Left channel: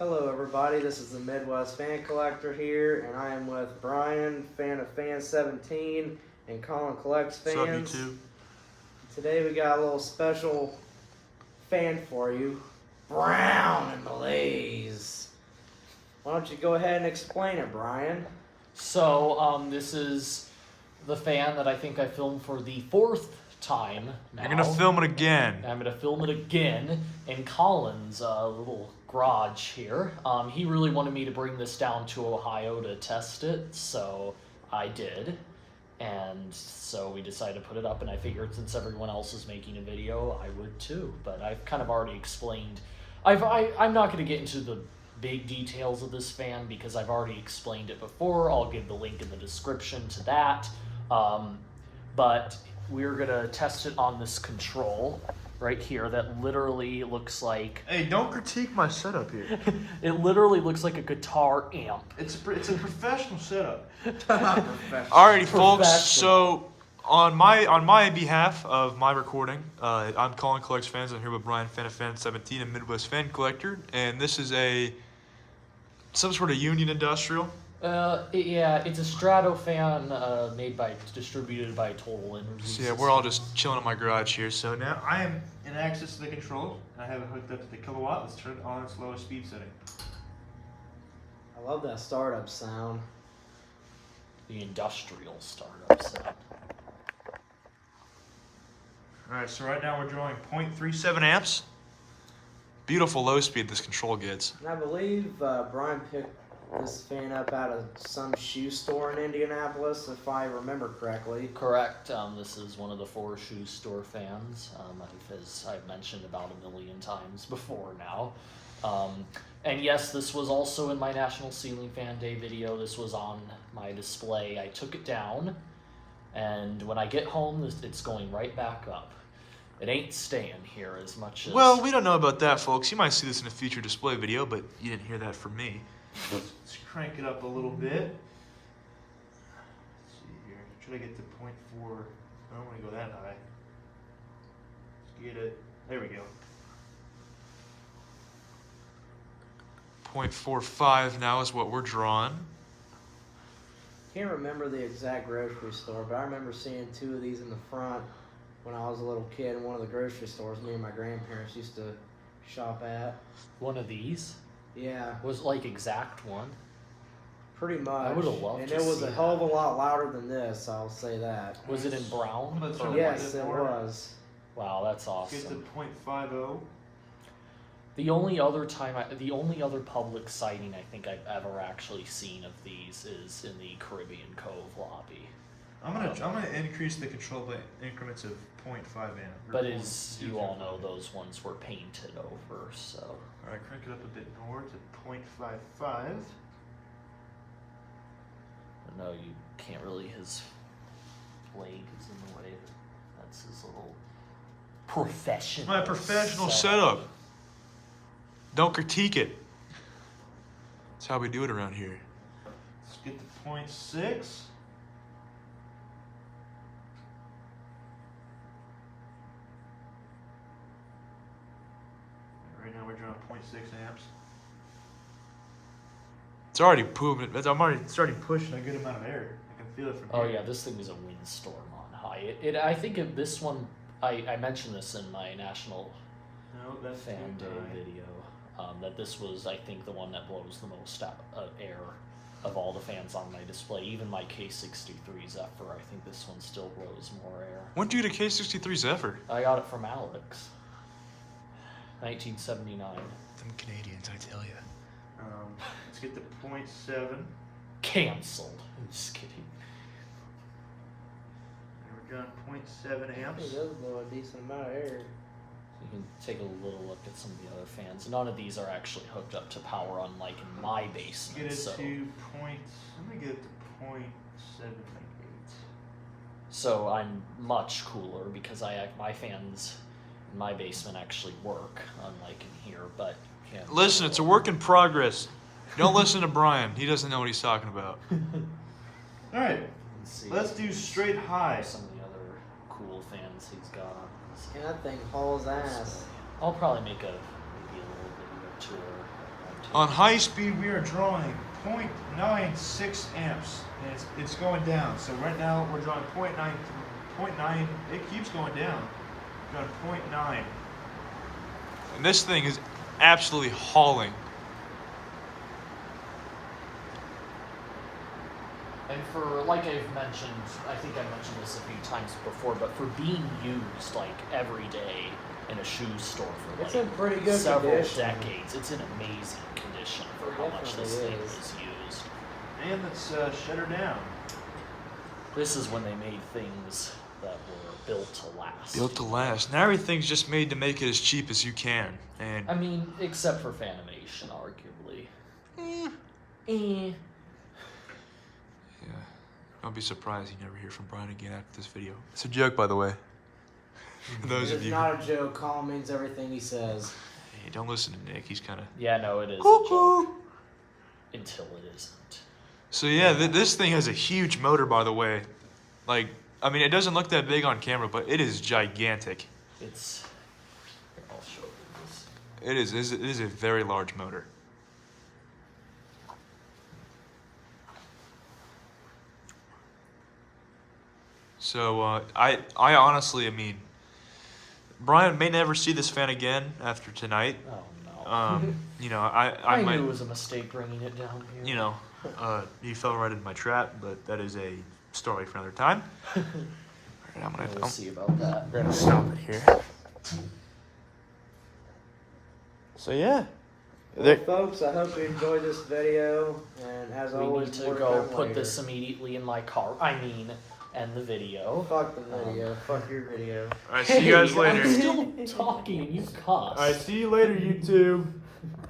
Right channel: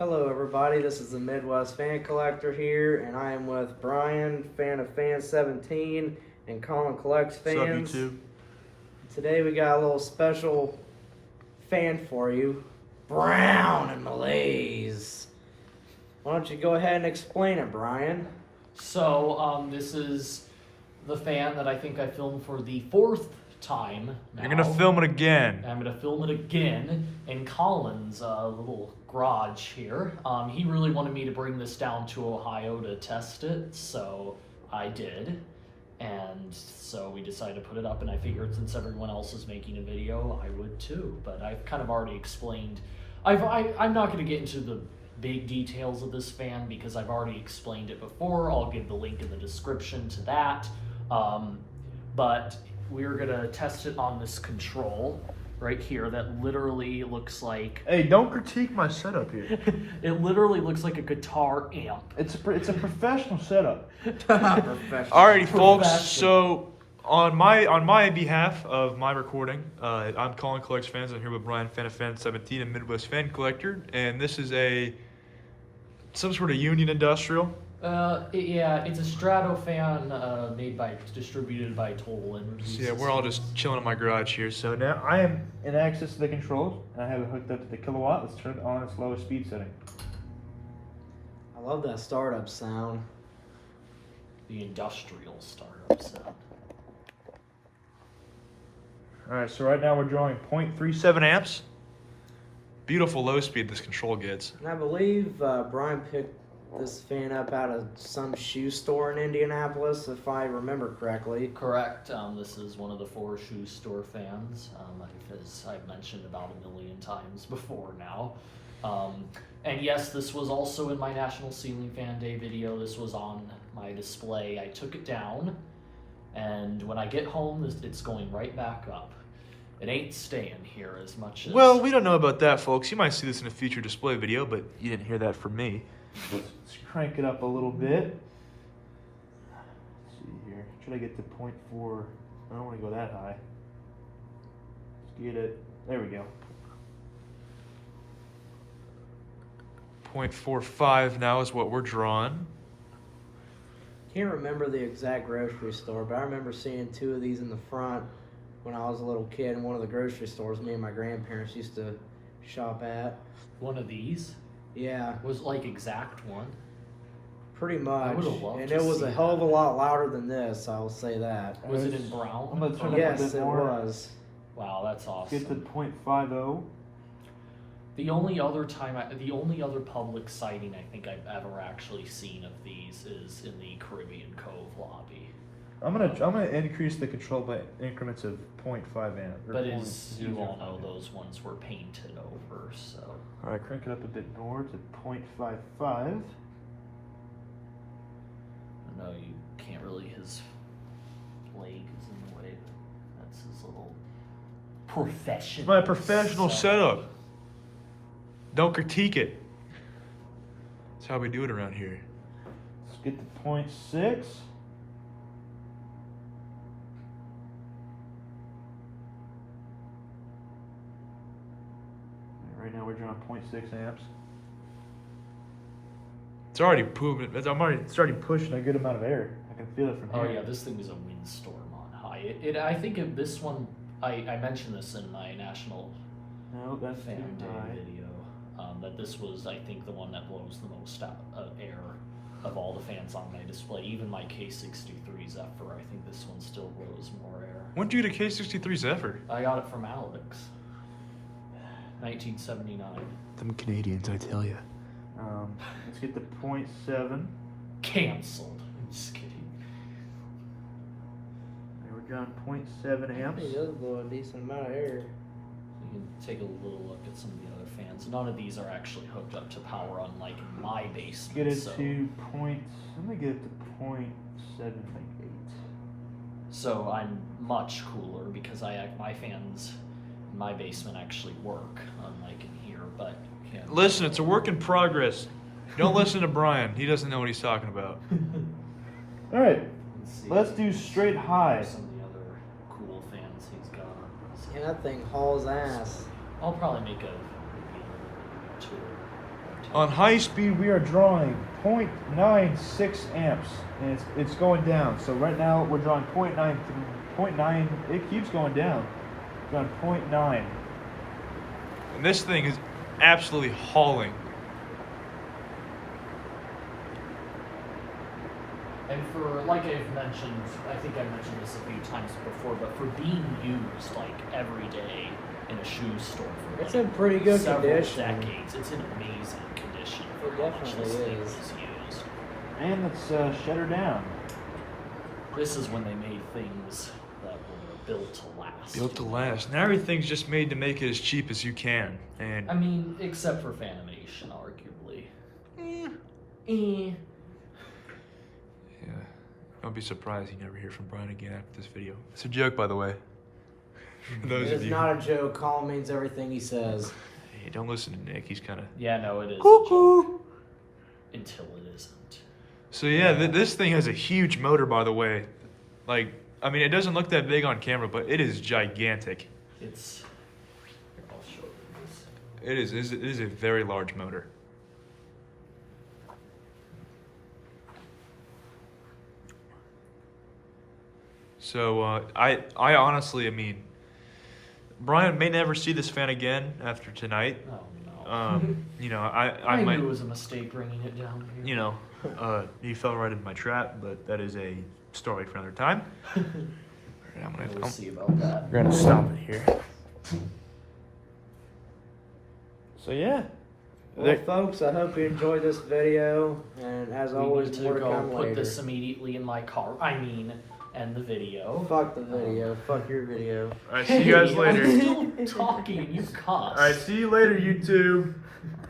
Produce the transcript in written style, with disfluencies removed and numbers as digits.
Hello everybody, this is the Midwest Fan Collector here, and I am with Brian, fan of Fan 17, and Colin Collects Fans. What's up, YouTube? Today we got a little special fan for you, Brown and Malaise. Why don't you go ahead and explain it, Brian? So, this is the fan that I think I filmed for the fourth time now. You're gonna film it again. I'm gonna film it again in Colin's little garage here. He really wanted me to bring this down to Ohio to test it, so I did. And so we decided to put it up, and I figured since everyone else is making a video, I would too. But I've kind of already explained. I'm not going to get into the big details of this fan because I've already explained it before. I'll give the link in the description to that. But we're going to test it on this control right here that literally looks like... Hey, don't critique my setup here. It literally looks like a guitar amp. It's a professional setup. Alrighty, folks. So on my behalf of my recording, I'm Colin Collects Fans. I'm here with Brian, fan of Fan 17, and Midwest Fan Collector, and this is some sort of Union Industrial. Yeah, it's a Stratofan distributed by Total Energy. So yeah, we're all just chilling in my garage here. So now I am in access to the controls. I have it hooked up to the kilowatt. Let's turn it on its lowest speed setting. I love that startup sound. The industrial startup sound. Alright, so right now we're drawing 0.37 amps. Beautiful low speed this control gets. And I believe Brian picked this fan up out of some shoe store in Indianapolis, if I remember correctly. Correct. This is one of the 4 shoe store fans, as I've mentioned about a million times before now. And yes, this was also in my National Ceiling Fan Day video. This was on my display. I took it down, and when I get home, it's going right back up. It ain't staying here as much as... Well, we don't know about that, folks. You might see this in a future display video, but you didn't hear that from me. Let's crank it up a little bit. Let's see here. Should I get to 0.4? I don't want to go that high. Let's get it. There we go. 0.45 now is what we're drawing. Can't remember the exact grocery store, but I remember seeing 2 of these in the front when I was a little kid in one of the grocery stores me and my grandparents used to shop at. One of these? Yeah. Was like exact one? Pretty much. I would have loved and to it was see a hell of a lot louder than this, I'll say that. Was it in brown? I'm going to turn up a Yes, bit it more. was. Wow, that's awesome. Get to 0.50. The only other public sighting I think I've ever actually seen of these is in the Caribbean Cove lobby. I'm gonna increase the control by increments of 0.5 amp. But as you all know, those ones were painted over, so... Alright, crank it up a bit more to 0.55. No, you can't really, his blade is in the way. That's his little professional... My professional setup. Don't critique it. That's how we do it around here. Let's get to 0.6. Right now we're drawing 0.6 amps. It's already it's already pushing a good amount of air. I can feel it from here. Oh yeah, this thing was a windstorm on high. I think of this one, I mentioned this in my National Fan Day video, that this was, I think, the one that blows the most air of all the fans on my display. Even my K63 Zephyr, I think this one still blows more air. When did you get a K63 Zephyr? I got it from Alex. 1979. Them Canadians, I tell you. Let's get to 0.7. Cancelled. I'm just kidding. There we're drawing 0.7 amps. It does blow a decent amount of air. You can take a little look at some of the other fans. None of these are actually hooked up to power, unlike my basement. Get it so. to point. I'm gonna get it to 0.78. So I'm much cooler because my fans in my basement actually work, unlike in here. But yeah. Listen, it's a work in progress. Don't listen to Brian. He doesn't know what he's talking about. All right, let's do straight high. Some of the other cool fans he's got. And that thing hauls ass. I'll probably make a review or 2 or On high speed, we are drawing 0.96 amps, and it's going down. So right now we're drawing 0.9. It keeps going down. Drawing 0.9. And this thing is absolutely hauling. And for, like I've mentioned, I think I mentioned this a few times before, but for being used like every day in a shoe store for It's like in pretty good several condition. decades, it's in amazing condition for how much this Definitely thing is. was used. And let's shut her down. This is when they made things that were built to last. Built to last. Now everything's just made to make it as cheap as you can. And I mean, except for Fanimation, arguably. yeah, don't be surprised you never hear from Brian again after this video. It's a joke, by the way. For those of It's you. not a joke. Colin means everything he says. Hey, don't listen to Nick. He's kind of Yeah, no, it is a cuckoo. joke until it isn't. So yeah, this thing has a huge motor, by the way. Like, I mean, it doesn't look that big on camera, but it is gigantic. It's. I'll show you this. It is a very large motor. So I honestly, I mean, Brian may never see this fan again after tonight. Oh no. You know, I might, knew it was a mistake bringing it down here. you know, he fell right into my trap, but that is a story for another time. And We'll see about that. we're gonna stop it here. So yeah, Well, folks, I hope you enjoyed this video. And as We always, need to work go out put later. this immediately in my car. I mean, end the video. Fuck the video. Fuck your video. all right, see you guys Hey, later. I'm still talking and you cuss. All right, see you later, YouTube.